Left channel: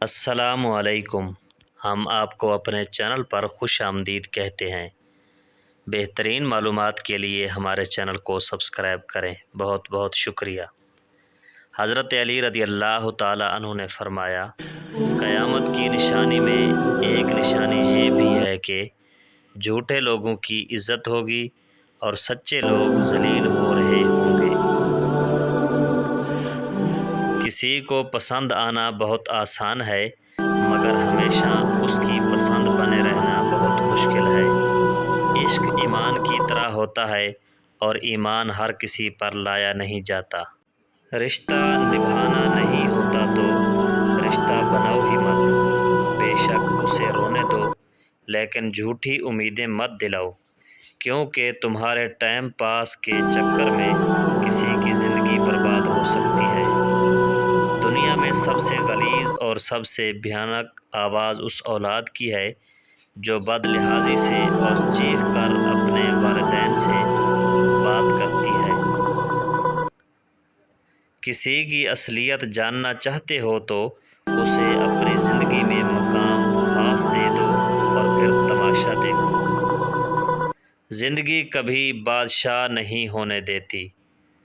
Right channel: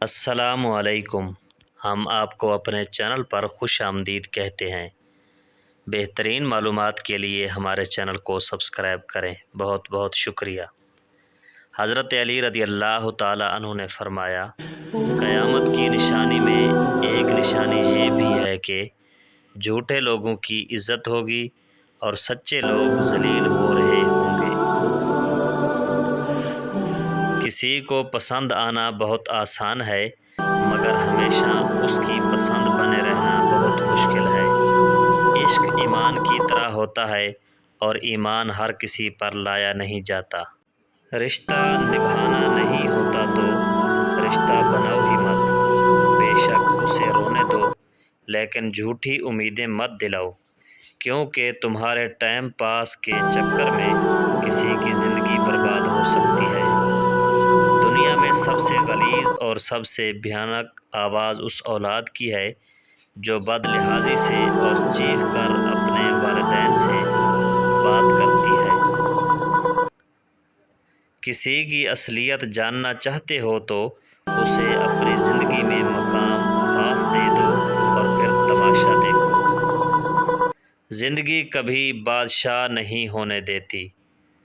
السلام علیکم۔ ہم آپ کو اپنے چینل پر خوش آمدید کہتے ہیں۔ بہترین معلومات کے لیے ہمارے چینل کو سبسکرائب کریں۔ بہت بہت شکریہ۔ حضرت علی رضی اللہ تعالی عنہ نے فرمایا، قیامت کی نشانی میں ایک نشانی یہ بھی ہے کہ جھوٹے لوگوں کی عزت ہوگی اور سچے لوگ ذلیل ہو رہے ہوں گے۔ کسی کو پسند آنا بہت آسان ہے، مگر ہمیشہ اس کی پسند بنے رہنا بہت مشکل ہے۔ عشق ایمان کی طرح ہوتا ہے اور ایمان ہر کسی پر لایا نہیں جاتا۔ رشتہ نبھانا نہیں ہوتا تو رشتہ بناؤ ہی مت، بے شک اسے رونے دو، لیکن جھوٹی امیدیں مت دلاؤ، کیونکہ تمہارے ٹائم پاس کے چکر میں کسی کی زندگی برباد ہو سکتی ہے۔ دنیا میں سب سے غلیظ اور سب سے بھیانک آواز اس اولاد کی ہے جو بد لحاظی سے اور چیخ کر اپنے والدین سے بات کرتی ہے۔ کسی کی اصلیت جاننا چاہتے ہو تو اسے اپنی زندگی میں مقام خاص دے دو اور پھر تماشا دیکھو۔ زندگی کبھی بادشاہ نہیں ہونے دیتی،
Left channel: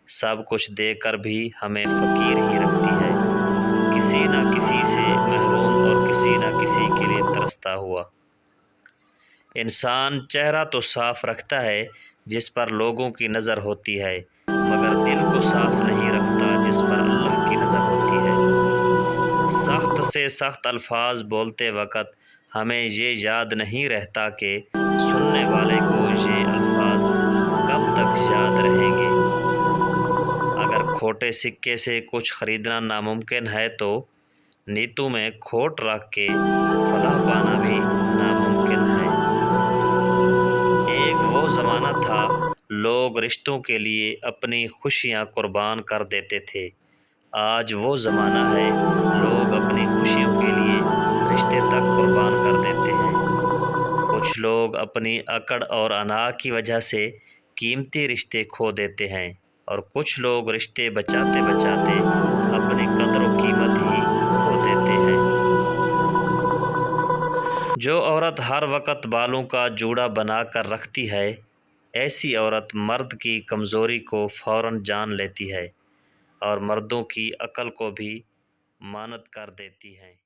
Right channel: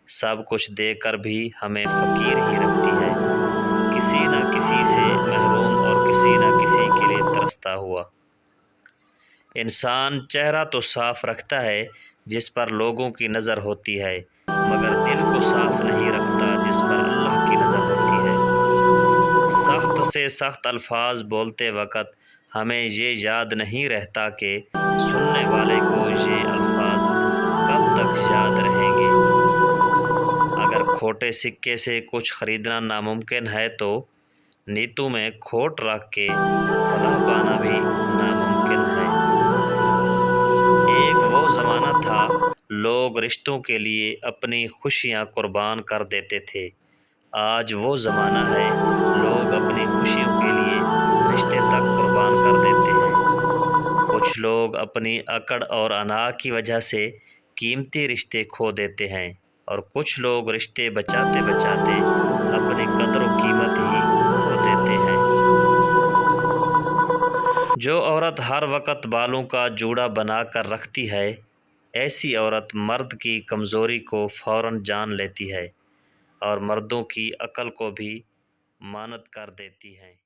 سب کچھ دے کر بھی ہمیں فقیر ہی رکھتی ہے، کسی نہ کسی سے محروم اور کسی نہ کسی کے لیے ترستا ہوا۔ انسان چہرہ تو صاف رکھتا ہے جس پر لوگوں کی نظر ہوتی ہے، مگر دل کو صاف نہیں رکھتا جس پر اللہ کی نظر ہوتی ہے۔ سخت سے سخت الفاظ بولتے وقت ہمیں یہ یاد نہیں رہتا کہ سننے والے کو یہ الفاظ کب تک یاد رہیں گے۔ اگر کھوٹے سکے سے کچھ خریدنا ناممکن ہے تو نیتوں میں کھوٹ رکھ کے فلاح پانا بھی ناممکن ہے۔ ایک وہ زمانہ تھا لوگ رشتوں کے لیے اپنی خوشیاں قربان کر دیتے تھے، آج وہ زمانہ ہے لوگ اپنی خوشیوں کے لیے رشتے تک قربان کر دیتے ہیں۔ کچھ لوگ اپنی اکڑ اور انا کی وجہ سے قیمتی رشتے کھو دیتے ہیں اور کچھ لوگ رشتے بچاتے بچاتے اپنی قدر و قیمت ہی کھو دیتے ہیں۔ جو عورت ہر وقت بالوں کا جوڑا بنا کر رکھتی ہے، ایسی عورت مرد کی کمزوری کو فوراً جان لیتی ہے اور مردوں کی عقل کو بھی مانت کر دیتی ہے۔